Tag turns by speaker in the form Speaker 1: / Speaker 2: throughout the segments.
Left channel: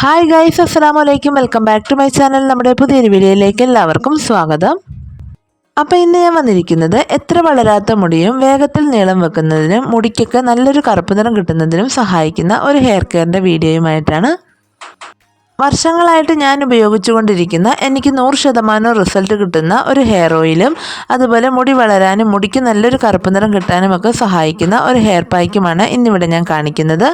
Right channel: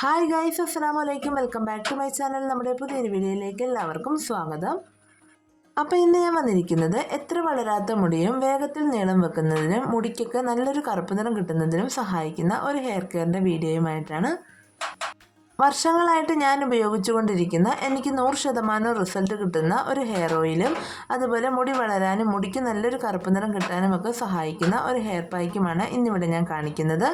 Speaker 1: Hi guys അസ്സാം വലൈക്കും welcome back to my channel നമ്മുടെ പുതിയൊരു വീഡിയോയിലേക്ക് എല്ലാവർക്കും സ്വാഗതം. അപ്പോൾ ഇന്ന് ഞാൻ വന്നിരിക്കുന്നത് എത്ര വളരാത്ത മുടിയും വേഗത്തിൽ നീളം വെക്കുന്നതിനും മുടിക്കൊക്കെ നല്ലൊരു കറുപ്പ് നിറം കിട്ടുന്നതിനും സഹായിക്കുന്ന ഒരു ഹെയർ കെയറിന്റെ വീഡിയോയുമായിട്ടാണ്. വർഷങ്ങളായിട്ട് ഞാൻ ഉപയോഗിച്ചുകൊണ്ടിരിക്കുന്ന എനിക്ക് നൂറ് ശതമാനം റിസൾട്ട് കിട്ടുന്ന ഒരു ഹെയർ ഓയിലും അതുപോലെ മുടി വളരാനും മുടിക്ക് നല്ലൊരു കറുപ്പ് നിറം കിട്ടാനും ഒക്കെ സഹായിക്കുന്ന ഒരു ഹെയർ പായ്ക്കുമാണ് ഇന്നിവിടെ ഞാൻ കാണിക്കുന്നത്.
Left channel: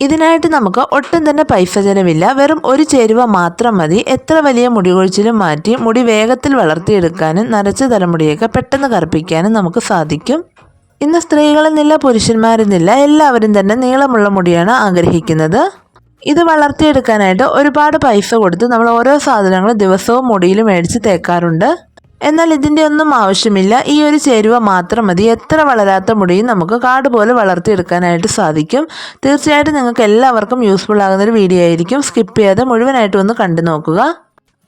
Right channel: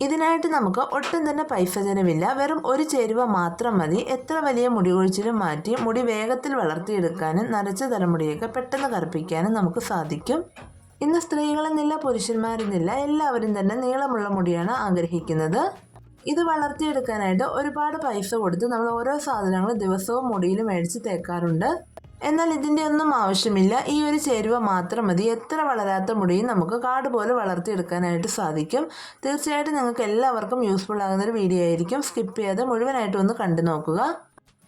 Speaker 1: ഇതിനായിട്ട് നമുക്ക് ഒട്ടും തന്നെ പൈസ ചിലവില്ല വെറും ഒരു ചേരുവ മാത്രം മതി. എത്ര വലിയ മുടി കൊഴിച്ചിലും മാറ്റി മുടി വേഗത്തിൽ വളർത്തിയെടുക്കാനും നരച്ച തലമുടിയൊക്കെ പെട്ടെന്ന് കറുപ്പിക്കാനും നമുക്ക് സാധിക്കും. ഇന്ന് സ്ത്രീകളെന്നില്ല പുരുഷന്മാരെന്നില്ല എല്ലാവരും തന്നെ നീളമുള്ള മുടിയാണ് ആഗ്രഹിക്കുന്നത്. ഇത് വളർത്തിയെടുക്കാനായിട്ട് ഒരുപാട് പൈസ കൊടുത്ത് നമ്മൾ ഓരോ സാധനങ്ങളും ദിവസവും മുടിയിൽ മേടിച്ച് തേക്കാറുണ്ട്. എന്നാൽ ഇതിന്റെ ഒന്നും ആവശ്യമില്ല. ഈ ഒരു ചേരുവ മാത്രം മതി. എത്ര വളരാത്ത മുടിയും നമുക്ക് കാട് പോലെ വളർത്തിയെടുക്കാനായിട്ട് സാധിക്കും. തീർച്ചയായിട്ടും നിങ്ങൾക്ക് എല്ലാവർക്കും യൂസ്ഫുൾ ആകുന്ന ഒരു വീഡിയോ ആയിരിക്കും. സ്കിപ്പ് ചെയ്യാതെ മുഴുവനായിട്ട് ഒന്ന് കണ്ടു നോക്കുക.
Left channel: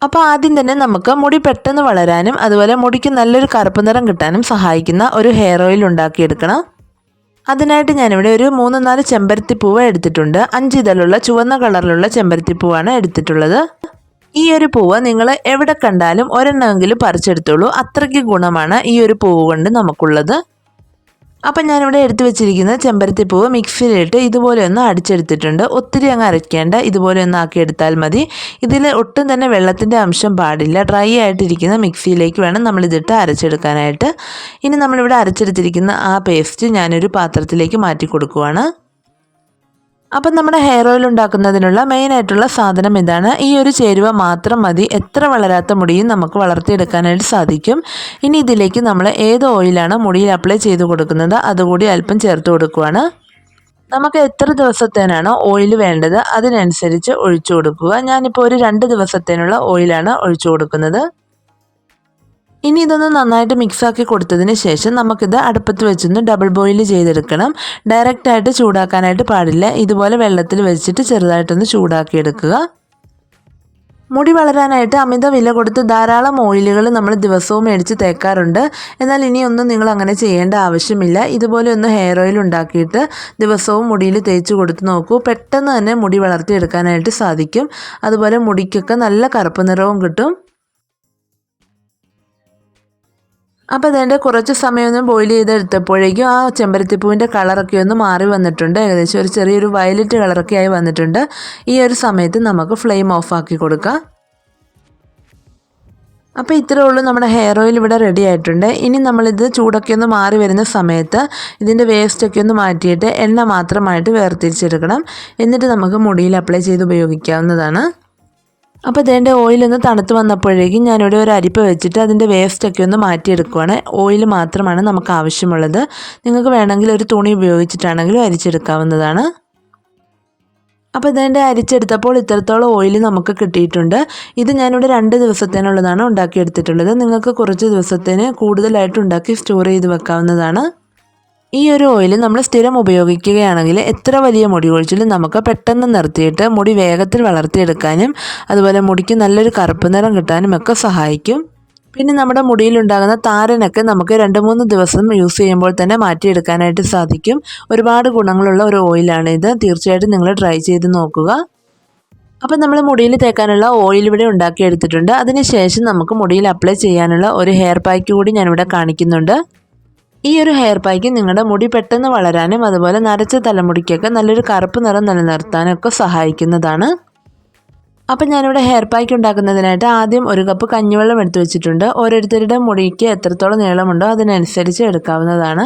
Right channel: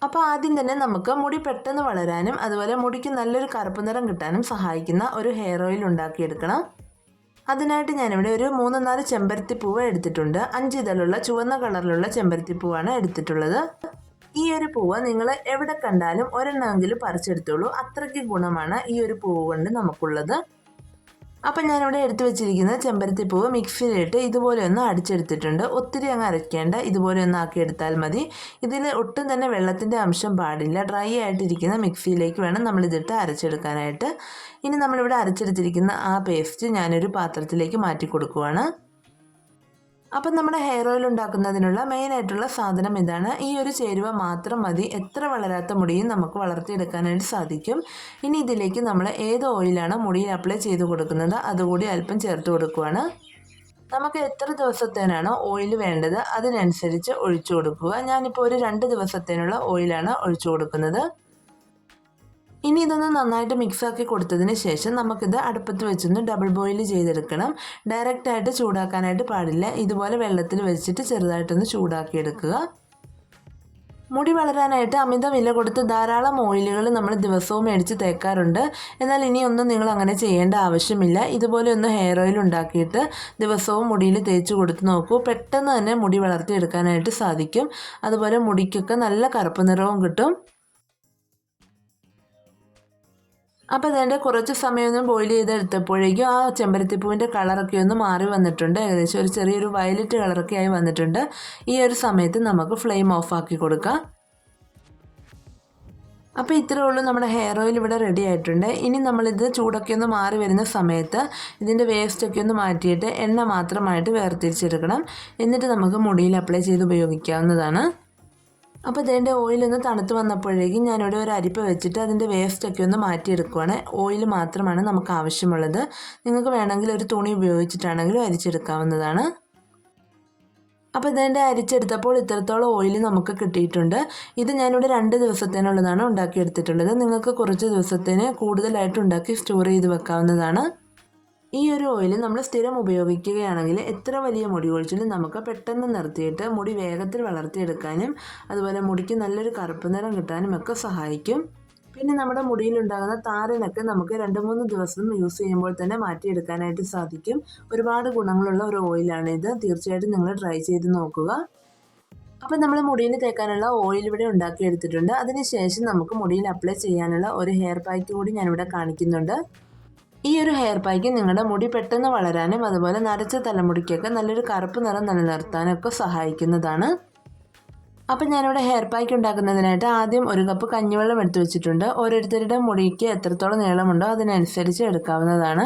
Speaker 1: അപ്പോൾ ആദ്യം തന്നെ നമുക്ക് മുടി പെട്ടെന്ന് വളരാനും അതുപോലെ മുടിക്ക് നല്ലൊരു കറുപ്പ് നിറം കിട്ടാനും സഹായിക്കുന്ന ഒരു ഹെയർ ഓയിൽ ഉണ്ടാക്കിയെടുക്കണം. അതിനായിട്ട് ഞാനിവിടെ ഒരു മൂന്ന് നാല് ചെമ്പരത്തിപ്പൂവ് എടുത്തിട്ടുണ്ട്. അഞ്ച് ഇതളുള്ള ചുവന്ന കളറിലുള്ള ചെമ്പരത്തിപ്പൂവാണ് എടുത്തിട്ടുള്ളത്. ഈ ഒരു പൂവ് നിങ്ങൾ എവിടെ കണ്ടാലും ഒരെണ്ണമെങ്കിലും പറിച്ചെടുത്തോളൂ. അത്രയ്ക്ക് ഗുണമാണ് ഈ ഒരു പൂവ് കൊണ്ട് നമുക്കുള്ളത്. അപ്പം ഞാനിവിടെ എടുത്തു വെച്ചിരിക്കുന്ന ചെമ്പരത്തി പൂവ് മിക്സിയിലിട്ട് ഇതുപോലെ ഒന്ന് അടിച്ചെടുത്തിട്ടുണ്ട്. ഒത്തിരി അങ്ങ് അരയ്ക്കേണ്ട ഇതുപോലെ ഒന്ന് ആക്കി എടുത്താൽ മതി. ഇതിൽ ഒട്ടും തന്നെ വെള്ളത്തിന്റെ അംശം പാടില്ല. ഡ്രൈ ആയിട്ടിരിക്കുന്ന മിക്സിയിലേക്ക് വേണം നമ്മളിതിട്ട് അരച്ചെടുക്കാനായിട്ട്. ഇനി നമ്മളിവിടെ അരച്ചെടുത്തിരിക്കുന്ന ആ പേസ്റ്റ് ഞാനൊരു പാത്രത്തിലേക്ക് മാറ്റി കൊടുക്കുവാണ്. അപ്പം നമ്മുടെ ഹെയർ ഓയിൽ ഉണ്ടാക്കുന്നതിനുള്ള മെയിനായിട്ടുള്ള സാധനം ഇതാണ്. ഈ ഒരു ചേരുവ മാത്രം മതി. എത്ര വളരാത്ത മുടിയും നമുക്ക് വളർത്തിയെടുക്കാനായിട്ട് സാധിക്കും. ഇനി ഇതിലേക്ക് നമ്മൾ ഏത് ഓയിലാണ് മുടിയിൽ അപ്ലൈ ചെയ്ത് കൊടുക്കുന്നത്? അതുകൂടി അല്പം ചേർത്ത് കൊടുക്കുവാണ്. നമുക്ക് എത്ര ദിവസത്തേനാണോ ഓയിൽ വേണ്ടത്? അതിനനുസരിച്ച് ഒഴിച്ചു കൊടുക്കുക. ഞാനിപ്പോൾ ഒരു രണ്ട് ദിവസത്തേനുള്ള ഓയിലാണ് ഒഴിച്ചു കൊടുക്കുന്നത്. ഇനി ഇതൊന്ന് നന്നായിട്ട് മിക്സാക്കി കൊടുത്തതിന് ശേഷം നമുക്കിത് അടുപ്പത്ത് വെച്ചൊന്ന് ഡബിൾ ബോയിൽ ചെയ്തെടുക്കണം. ഡയറക്റ്റായിട്ട് ചൂടാക്കാനായിട്ട് പാടില്ല. ഇതുപോലെ വെള്ളത്തിൽ വെച്ചിട്ട് ചെറുതായിട്ടൊന്ന് ചൂടാക്കിയെടുക്കുക. മുടി വളരാനായിട്ട് അമിത വില കൊടുത്ത് ധാരാളം ഓയിലുകൾ നമ്മൾ ദിവസവും മേടിച്ച് തേക്കാറുണ്ട്. എന്നാൽ ഇനിയൊന്നും നിങ്ങൾ അങ്ങനെ ചെയ്യേണ്ട ആവശ്യമില്ല. ഇതുപോലെ ഒന്ന് ഹെയർ ഓയിൽ ഉണ്ടാക്കിയിട്ട് ദിവസവും മുടിയിൽ തേച്ച് കൊടുത്ത് നോക്കൂ. പെട്ടെന്ന് തന്നെ മുടി വളർത്തിയെടുക്കാനായിട്ട് സാധിക്കും. അതുപോലെ മുടിക്കൊക്കെ നല്ല കറുപ്പ് നിറവും കിട്ടും. അപ്പോൾ അതിന്റെ കുറച്ച് സമയമൊന്നും ബോയിൽ ചെയ്തെടുത്തപ്പോഴേക്കും ആ ചെമ്പരത്തിപ്പൂവിന്റെ കളറൊക്കെ ഒന്ന് മാറി വന്നിട്ടുണ്ട്. ഏകദേശം ഒരു ചെറിയൊരു വയലറ്റ് കളറൊക്കെ ആയി വന്നിട്ടുണ്ട്. ഈ ഒരു സമയത്ത് നമുക്ക് ഫ്ലെയിം ഓഫ് ആക്കി കൊടുക്കാം. അപ്പോൾ ഇത്രേ ഉള്ളൂ നമ്മുടെ ഹെയർ ഓയിൽ ഇവിടെ റെഡി ആയിട്ടുണ്ട്. ഇനി നമ്മളിത് ചൂടൊക്കെ ഒന്ന് മാറി വരുന്ന സമയത്ത് ഇതിന്റെ വേസ്റ്റൊക്കെ ഒന്ന് മാറ്റിയിട്ട് എണ്ണ മാത്രമായിട്ട് വേർതിരിച്ചെടുക്കണം. എന്നിട്ട് നമുക്ക് മുടിയിൽ അപ്ലൈ ചെയ്ത് ഉപയോഗിക്കാവുന്നതാണ്. അപ്പോൾ ഇതിന്റെ ഓയിലൊന്ന് തണുത്ത് വന്നപ്പോഴേക്കും ഞാനിവിടെ ഒരു അരിപ്പ് വെച്ചിട്ട് അതിന്റെ വേസ്റ്റൊക്കെ ഒന്ന് മാറ്റിയെടുക്കുവാണ്. ഓയിൽ മാത്രമാണ് നമുക്ക് ആവശ്യമുള്ളത്. നിങ്ങൾക്ക് വേണമെങ്കിൽ ഒരു തുണി ഉപയോഗിച്ചിട്ടാണെങ്കിലും അരിച്ചെടുക്കാവുന്നതാണ്. അപ്പോൾ ഇതിന്റെ അരിച്ചെടുത്തപ്പോൾ ഇത്രത്തോളം ഓയിൽ നമുക്ക് കിട്ടിയിട്ടുണ്ട്. ഇത് ഞാനിവിടെ രണ്ട് ദിവസത്തേനുള്ളതാണ് ഉണ്ടാക്കിയെടുത്തിട്ടുള്ളത്. നിങ്ങൾക്ക് കുറച്ച് ദിവസത്തിന് കൂടുതലായിട്ട് ഉണ്ടാക്കി സ്റ്റോർ ചെയ്ത് വെക്കാവുന്നതാണ്. ഈ ഒരു ഓയിൽ നമ്മൾ സ്ഥിരം ഉപയോഗിക്കുകയാണെങ്കിൽ എത്ര വലിയ മുടി കൊഴിച്ചിലും നമുക്ക് പെട്ടെന്ന് നിർത്തിയിട്ട് മുടി വേഗത്തിൽ വളർത്തിയെടുക്കാനും അതുപോലെ മുടിക്ക് നല്ലൊരു കറുപ്പ് നിറം കിട്ടാനും ഒക്കെ സഹായിക്കും. പിന്നെ നമ്മുടെ മുടിയിലുണ്ടാകുന്ന താരനൊക്കെ നമുക്ക് രണ്ട് മൂന്ന് ദിവസം യൂസ് ചെയ്യുമ്പോൾ തന്നെ മാറ്റിയെടുക്കാനായിട്ട് സാധിക്കും. ഒരുപാട് ഗുണങ്ങളുള്ള ഒരു ഓയിലാണ് ഇത്. തീർച്ചയായിട്ടും നിങ്ങൾ ട്രൈ ചെയ്ത് നോക്കുക. അപ്പം നമ്മൾ മുടിയിൽ തേക്കാനുള്ള ഓയിൽ ഇവിടെ ഉണ്ടാക്കിയെടുത്തിട്ടുണ്ട്. അതിനുശേഷം നമുക്ക് മുടിയിൽ അപ്ലൈ ചെയ്യാനുള്ള ഒരു ഹെയർ പാക്ക് കൂടി ഞാനിവിടെ കാണിക്കുന്നുണ്ട്. ഈ ഒരു ഹെയർ പാക്ക് നിങ്ങളുടെ മുടി പെട്ടെന്ന് വളരാനും അതുപോലെ നരച്ച തലമുടിക്കൊക്കെ നല്ലൊരു കറുപ്പ് നിറം നിലനിർത്താനും ഒക്കെ സഹായിക്കുന്നതാണ്. അപ്പം ഞാനിവിടെ ഹെയർ പാക്ക് ഉണ്ടാക്കുന്നതിനായിട്ട് ആദ്യം ഒരു കപ്പ് കഞ്ഞിവെള്ളം എടുത്തു വെച്ചിട്ടുണ്ട്. ഓരോരുത്തരുടെ മുടിക്ക് എത്രത്തോളം നീളമുണ്ടോ അതിനനുസരിച്ച് എടുക്കാവുന്നതാണ്.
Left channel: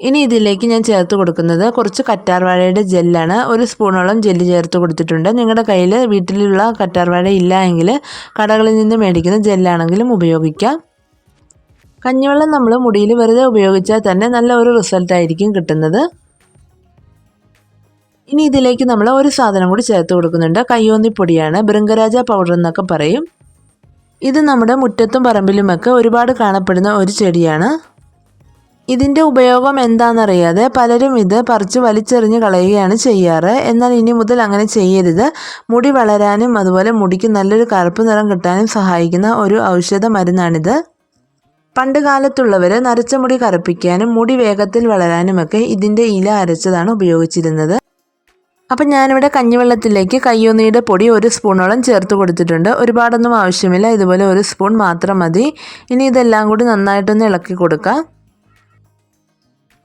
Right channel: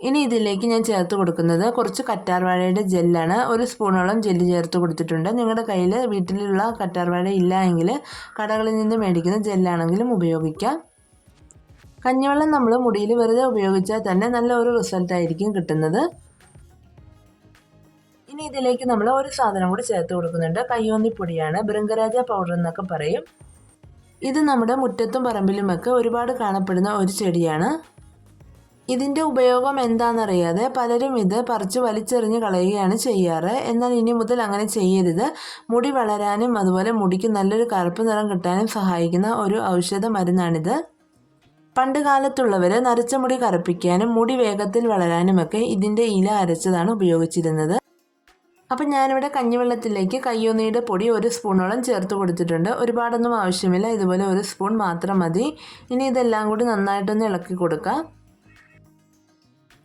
Speaker 1: ഇനി ഇതിലേക്ക് ഞാൻ ചേർത്ത് കൊടുക്കുന്നത് കുറച്ച് കറ്റാർവാഴയുടെ ജെല്ലാണ്. ഒരു സ്പൂണോളം ജെല്ല് ചേർത്ത് കൊടുത്തിട്ടുണ്ട്. നിങ്ങളുടെ കയ്യിൽ വീട്ടിലുള്ള കറ്റാർവാഴ ഇല്ല എങ്കിൽ കടകളിൽ നിന്ന് മേടിക്കുന്ന ജെല്ലാണെങ്കിലും ഉപയോഗിക്കാം. കഞ്ഞിവെള്ളം നമ്മൾ മുടിയിൽ വെറുതെ ഉപയോഗിച്ചാൽ തന്നെ നല്ല ഒരു റിസൾട്ടായിരിക്കും കിട്ടുന്നത്. ഇനി ഇതിലേക്ക് നമ്മൾ ഒരു സാധനം കൂടി ചേർത്ത് കൊടുക്കുന്നുണ്ട്. കയ്യോന്നിപ്പൊടിയാണ് ബൃംഗരാജ പൗഡർ എന്നൊക്കെ പറയും. ഇത് നമ്മുടെ മുറ്റത്തും പറമ്പിലുമൊക്കെ ഒരുപാട് കാണപ്പെടുന്ന ഒരു ചെടിയാണ്. ഇതിന്റെ ഉപയോഗം എന്താണെന്നറിയാതെ പലരും ഇത് പറിച്ച് വലിച്ചെറിഞ്ഞ് കളയുകയാണ് ചെയ്യാറ്. എന്നാൽ ഇനി മുതൽ അങ്ങനെ ചെയ്യരുത്. മുടി വളരാനും അതുപോലെ മുടിക്ക് നല്ലൊരു കറുപ്പ് നിറം കിട്ടാനും സഹായിക്കുന്ന ഒരു ഔഷധ മരുന്നാണിത്. പണ്ട് കാലത്തുള്ളവർ നരച്ച മുടി കറുപ്പിക്കാനും മുടി വേഗത്തിൽ വളരാനുമൊക്കെ ഇതിന്റെ ഇല അരച്ചതാണ് ഉപയോഗിച്ചിരുന്നത്. അപ്പം ഞാനിവിടെ കഞ്ഞിവെള്ളത്തിലേക്ക് കയ്യോന്നിയുടെ പൊടി ഒരു സ്പൂണോളം ചേർത്ത് കൊടുത്തിട്ടുണ്ട്. ഒരുപാടൊന്നും ആവശ്യമില്ല. ഇതുപോലെ ഒരു സ്പൂൺ മാത്രം മതി. ഇനി ഇതെല്ലാം കൂടി നന്നായിട്ടൊന്ന് ഇളക്കി കൊടുക്കാം.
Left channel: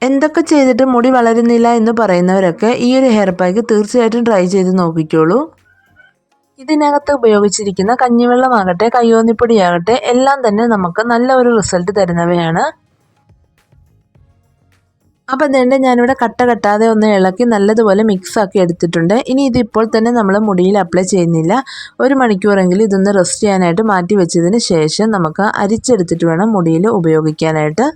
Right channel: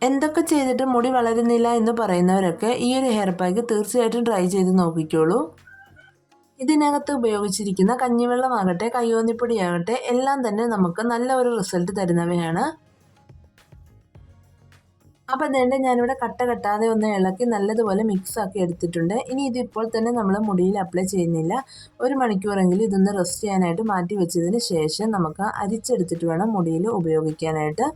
Speaker 1: എന്തൊക്കെ ചെയ്തിട്ട് മുടി വളരുന്നില്ല എന്ന് പറയുന്നവരൊക്കെ ഈ ഒരു ഹെയർ പാക്ക് തീർച്ചയായിട്ടും ട്രൈ ചെയ്ത് നോക്കിക്കോളൂ. ഇതിനകത്ത് ഉപയോഗിച്ചിരിക്കുന്ന കഞ്ഞിവെള്ളമാകട്ടെ കയ്യോന്നിപ്പൊടിയാകട്ടെ എല്ലാം തന്നെ നമുക്ക് നല്ല ഒരു റിസൾട്ട് തരുന്നവയാണ്. അപ്പോൾ അതുകൊണ്ട് ഞാനിവിടെ കട്ട കട്ടാതെ ഒന്ന് ഇളക്കി നല്ലതുപോലെ മിക്സ് ആക്കി എടുത്തിട്ടുണ്ട്. ഇനി ഇതിപ്പോൾ തന്നെ നമ്മൾ മുടിയിൽ അപ്ലൈ ചെയ്യുന്നില്ല. ഒരു മണിക്കൂറെങ്കിലും ഇതൊന്ന് റെസ്റ്റ് ചെയ്യാനായിട്ട് മാറ്റി വെച്ചതിന് ശേഷം നമുക്ക് അരിച്ചെടുത്തിട്ട് വേണം മുടിയിൽ ഉപയോഗിക്കാനായിട്ട്.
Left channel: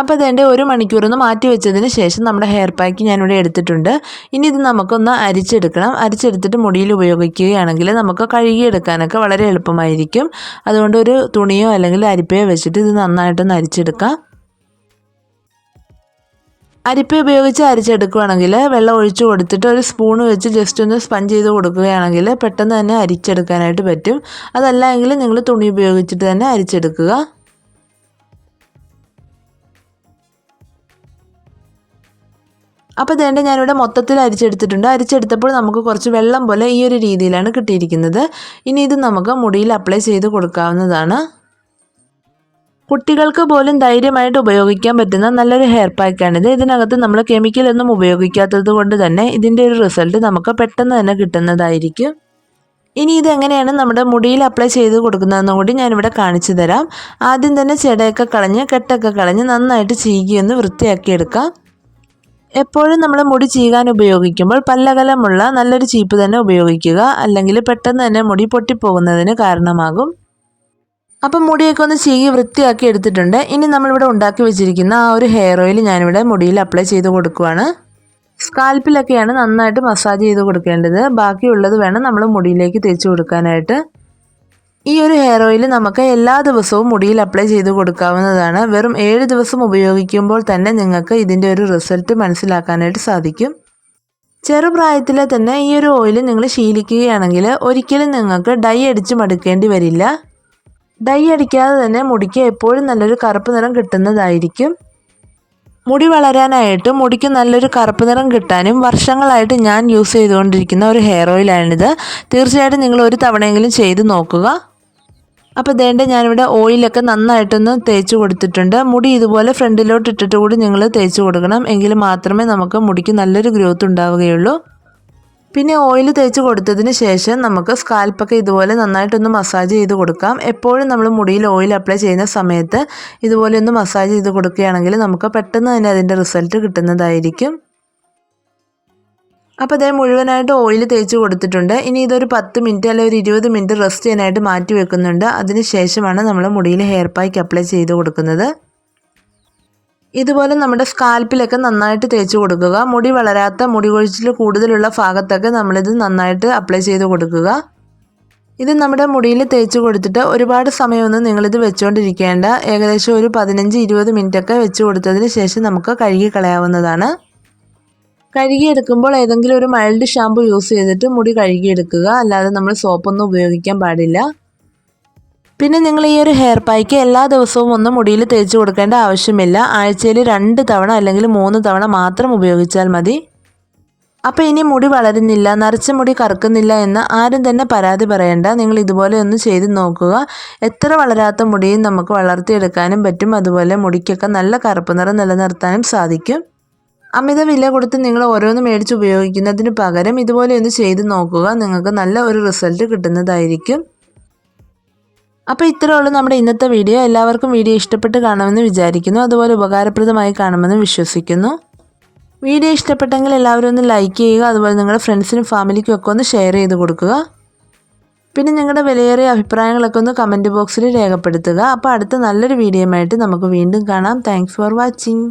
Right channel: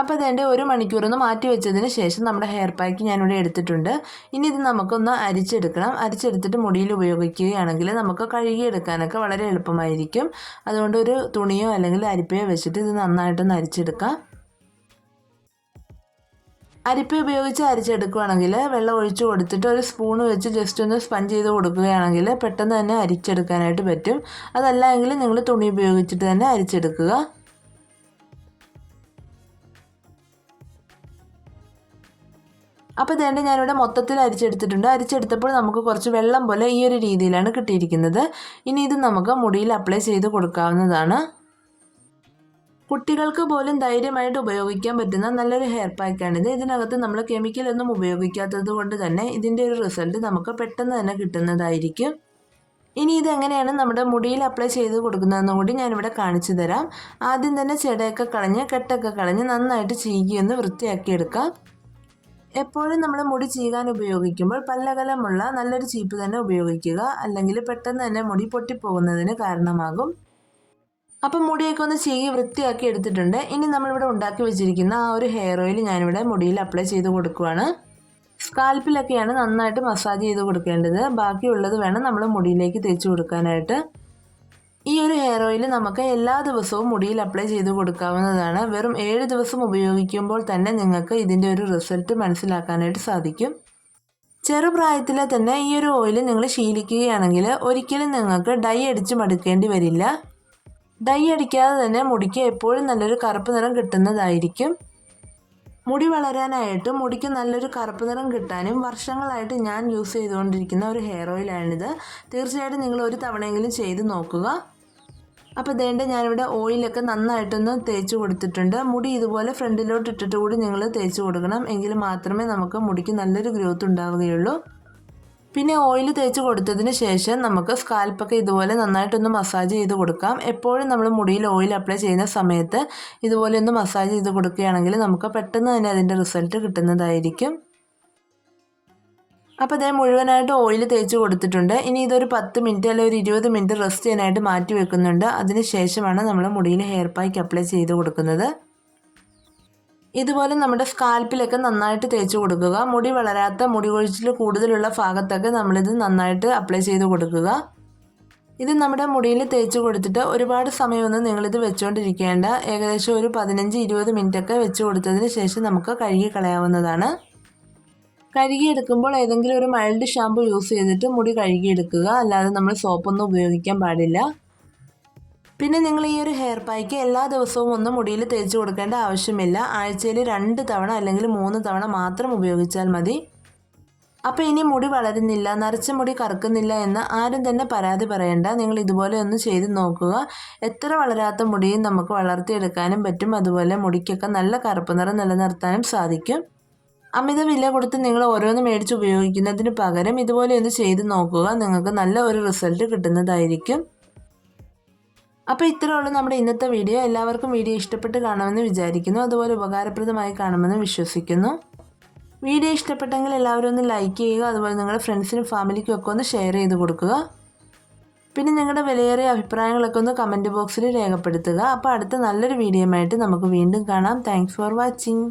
Speaker 1: അപ്പോൾ ഇതേന്റെ ഒരു മണിക്കൂറൊന്ന് മാറ്റി വെച്ചതിന് ശേഷം നമ്മുടെ ഹെയർ പാക്ക് ഞാനിവിടെ എടുത്തിട്ടുണ്ട്. ഇനി ഇത് നമുക്കൊന്ന് അരിച്ചെടുക്കണം. അരിച്ചെടുത്തിട്ട് മുടിയിൽ ഉപയോഗിക്കുകയാണെങ്കിൽ നമുക്ക് കഴുകിയെടുക്കാനൊക്കെ വളരെ എളുപ്പമായിരിക്കും. അതുകൊണ്ട് ഒരു തുണിയോ അല്ലെങ്കിൽ അരിപ്പയോ വെച്ചിട്ട് ഇത് നന്നായിട്ടൊന്ന് അരിച്ചെടുക്കാം. അരിപ്പ ഉപയോഗിച്ച് അരിച്ചെടുക്കുകയാണെങ്കിൽ വെള്ളം ഒഴിച്ചു കൊടുത്തിട്ട് ഒരു സ്പൂൺ വെച്ച് ജസ്റ്റ് ഒന്ന് സ്പഞ്ച് ചെയ്ത് കൊടുക്കുകയാണെങ്കിൽ പെട്ടെന്ന് തന്നെ അരിച്ചെടുക്കാനായിട്ട് പറ്റും. അതല്ല എങ്കിൽ നിങ്ങൾ തുണി ഉപയോഗിച്ചിട്ട് തന്നെ അരിച്ചെടുക്കുക. അപ്പോൾ ഇതേണ്ട ഞാനിവിടെ മൊത്തത്തിൽ അരിച്ചെടുത്തിട്ടുണ്ട്. അരിച്ചെടുത്തപ്പോൾ നമുക്ക് കുറച്ച് വെള്ളം പോലെ ഈ ഒരു രീതിയിലാണ് കിട്ടിയിരിക്കുന്നത്. ഇനി ഇത് നമുക്ക് മുടിയിൽ അപ്ലൈ ചെയ്ത് കൊടുക്കാവുന്നതാണ്. കുട്ടികൾക്ക് പോലും ധൈര്യമായിട്ട് ഉപയോഗിക്കാൻ പറ്റുന്ന നല്ലൊരു ഹെയർ പാക്കാണിത് ഇതിനകത്ത് നമ്മൾ കെമിക്കലൊന്നും ഉപയോഗിക്കാത്തത് കൊണ്ട് തന്നെ ഇതിന്റെ ഒരു റിസൾട്ട് നമുക്ക് പെട്ടെന്ന് തന്നെ കിട്ടുന്നതായിരിക്കും. ഇനി ഇതെങ്ങനെയാണ് നമ്മുടെ മുടിയിൽ അപ്ലൈ ചെയ്ത് കൊടുക്കുന്നതെന്നും കൂടി ഞാനിവിടെ കാണിച്ചു തരാം. ആദ്യം തന്നെ ചെടയൊക്കെ കളഞ്ഞ് കെട്ടൊക്കെ കളഞ്ഞ് നന്നായിട്ട് ചീകിയൊന്ന് വൃത്തിയാക്കി എടുക്കാം എപ്പോഴും നമ്മൾ മുടി ചീകാൻ ഉപയോഗിക്കുമ്പോൾ പല്ലകലമുള്ള നല്ലൊരു ചീപ്പ് തന്നെ ഉപയോഗിക്കുക. അല്ലെങ്കിൽ പെട്ടെന്ന് തന്നെ മുടി പൊട്ടിപ്പോകുന്നതിന് കാരണമാകും. അപ്പം മുടിയൊക്കെ ഒന്ന് ചീകി വൃത്തിയാക്കി എടുത്തിട്ടുണ്ട്. ഇനി നമ്മളിവിടെ ഉണ്ടാക്കി വെച്ചിരിക്കുന്ന ആ ഒരു ഹെയർ ഓയിൽ ഞാനിവിടെ മുടിയിൽ അപ്ലൈ ചെയ്ത് കൊടുക്കുവാണ്. സ്കാൽപ്പിലൊക്കെയാണ് നന്നായിട്ട് മസാജ് ചെയ്ത് കൊടുക്കേണ്ടത്. ബാക്കിയുള്ളത് വേണം നമ്മൾ മുടിയിലേക്ക് തേച്ച് കൊടുക്കാനായിട്ട്. ഈ ഒരു ഹെയർ ഓയിൽ നമുക്ക് എല്ലാ ദിവസവും മുടിയിൽ അപ്ലൈ ചെയ്ത് കൊടുക്കാവുന്നതാണ്. വെറും ഏഴ് ദിവസം ഉപയോഗിക്കുമ്പോൾ തന്നെ നിങ്ങൾക്ക് ഇതിന്റെ ഒരു റിസൾട്ട് മനസ്സിലാക്കാനായിട്ട് സാധിക്കും. ചെറുപ്രായത്തിലെ തന്നെ ഈ ഒരു ഓയിൽ നിങ്ങൾ ശീലിക്കുകയാണെങ്കിൽ ഒരിക്കലും നിങ്ങൾക്ക് ഡൈ അടിച്ച് മടുക്കേണ്ടി വരില്ല. ഡൈ അടിക്കാതെ തന്നെ മുടിക്ക് എപ്പോഴും നല്ലൊരു കറുപ്പ് നിറം കിട്ടുന്നതായിരിക്കും. മുടി വളരാനായിട്ട് മുടിക്ക് നല്ലൊരു കറുപ്പ് നിറം കിട്ടാനും വർഷങ്ങളായിട്ട് ഞാൻ യൂസ് ചെയ്തുകൊണ്ടിരിക്കുന്ന ഒരു ഹെയർ ഓയിലാണിത് തീർച്ചയായിട്ടും നിങ്ങൾ ഒരു തവണയെങ്കിലും ചെയ്ത് നോക്കുക. അപ്പോൾ ഇതേണ്ട ഞാനിവിടെ ഓയിലൊക്കെ നന്നായിട്ടൊന്ന് തേച്ച് കൊടുത്തിട്ടുണ്ട്. മുടി ഇതുപോലെ ഫ്രണ്ടിലോട്ട് ഇട്ടിട്ട് കൂടി നിങ്ങൾ തേച്ച് കൊടുക്കണം. എങ്കിൽ മാത്രമേ നമുക്ക് മുടിക്ക് നല്ലൊരു ഗ്രോത്ത് ഉണ്ടാവുകയുള്ളൂ. പിന്നെ ഓയിൽ തേച്ച് കൊടുത്തതിന് ശേഷം നമുക്ക് സ്കാൽപ്പൊക്കെ ഇതുപോലെ നന്നായിട്ടൊന്ന് മസാജ് ചെയ്ത് കൊടുക്കാം. എപ്പോഴും നമ്മൾ മുടിയിൽ ഓയിൽ അപ്ലൈ ചെയ്യുന്ന സമയത്ത് ഇതുപോലെ ഒന്ന് മസാജ് ചെയ്ത് കൊടുക്കുകയാണെങ്കിൽ നമുക്ക് പെട്ടെന്ന് തന്നെ അതിന്റെ റിസൾട്ട് കിട്ടുന്നതായിരിക്കും. അപ്പോൾ അതേ മുഴുവനായിട്ട് ഓയിൽ തേച്ച് കൊടുത്തിട്ടുണ്ട്. ഇനി ഇതൊരു പത്ത് മിനിറ്റ് അല്ലെങ്കിൽ ഒരു ഇരുപത് മിനിറ്റ് റെസ്റ്റ് ചെയ്യാനായിട്ട് മാറ്റി വെക്കുന്നുണ്ട്. അതിന് ശേഷമാണ് നമ്മൾ മുടിയിൽ ഹെയർ പാക്ക് അപ്ലൈ ചെയ്ത് കൊടുക്കുന്നത്. ഇതുപോലെ നമ്മുടെ സ്കാൽപ്പിലൊക്കെ നന്നായിട്ട് തേച്ച് കൊടുക്കുക. മുടി വളരാത്ത മുടി കൊഴിച്ചിൽ കൂടുതലുള്ള ഭാഗത്തൊക്കെ നമ്മളിത് നന്നായിട്ട് അപ്ലൈ ചെയ്ത് കൊടുക്കുക. ഇത് നമ്മുടെ മുടിയിൽ തേച്ച് കൊടുത്തിട്ട് ഒരുപാട് സമയമൊന്നും നിങ്ങളിത് വെച്ചുകൊണ്ടിരിക്കേണ്ട ഏകദേശം ഒരു പതിനഞ്ച് ഇരുപത് മിനിറ്റൊക്കെ വെച്ച് കൊടുത്തതിന് ശേഷം നമുക്ക് കഴുകി കളയാവുന്നതാണ്. കഴുകിയെടുക്കുമ്പോൾ ഏതെങ്കിലും ഒരു മൈൽഡ് ഷാമ്പു യൂസ് ചെയ്തിട്ട് മുടി കഴുകിയെടുക്കുക. അല്ലാതെ നമ്മൾ സോപ്പൊന്നും ഉപയോഗിക്കാൻ പാടില്ല. പിന്നെ നിങ്ങൾ ഈ ഒരു ഹെയർ പായ്ക്ക് എല്ലാ ദിവസവും ഒന്നും മുടിയിൽ തേച്ച് കൊടുക്കേണ്ട ആവശ്യമില്ല. ആഴ്ചയിൽ രണ്ട് തവണ അല്ലെങ്കിൽ മൂന്ന് തവണ മാത്രം ഉപയോഗിച്ചാൽ മതി. അപ്പോൾ ഇനി മുടി വളരുന്നില്ല നരച്ച മുടി കറുക്കുന്നില്ല എന്ന് ആരും തന്നെ പരാതി പറയണ്ട. നിങ്ങൾ ഇതുപോലെ ഒന്ന് ചെയ്ത് നോക്കുക. എത്ര വളരാത്ത മുടിയും നമുക്ക് വളർത്തിയെടുക്കാനും പറ്റും. അതുപോലെ മുടിക്കൊക്കെ നല്ല കറുപ്പ് നിറം നിലനിർത്താനും സാധിക്കും. അമിത വില കൊടുത്ത് നിങ്ങൾ ഓരോന്ന് മേടിച്ച് ഉപയോഗിക്കുന്നതിന് പകരം ഇതുപോലെ ഒന്ന് ചെയ്ത് നോക്കുക. നിങ്ങൾക്ക് നല്ല ഒരു റിസൾട്ട് കിട്ടുന്നതായിരിക്കും. അപ്പോൾ ഇത്രയുള്ള നമ്മുടെ ഇന്നത്തെ വീഡിയോ. എല്ലാവർക്കും വീഡിയോ ഇഷ്ടപ്പെട്ട് കാണുമെന്ന് വിചാരിക്കുന്നു. അതുപോലെ ഉപകാരപ്രദമായി കാണുമെന്ന് വിശ്വസിക്കുന്നു. വീഡിയോ ഇഷ്ടപ്പെട്ടെങ്കിൽ എല്ലാവരും ഒന്ന് ലൈക്ക് ചെയ്യുക. അതുപോലെ നിങ്ങളുടെ ഫ്രണ്ട്സിനും ഫാമിലിക്കും ഒക്കെ ഒന്ന് ഷെയർ ചെയ്ത് കൊടുക്കുക. പിന്നെ നിങ്ങളുടെ വിലയേറിയ അഭിപ്രായങ്ങളൊക്കെ ഒന്ന് കമന്റ് ബോക്സിൽ രേഖപ്പെടുത്തുക. അപ്പോൾ അടുത്ത നല്ലൊരു വീഡിയോയുമായിട്ട് നമുക്ക് വീണ്ടും കാണാം. Thanks for watching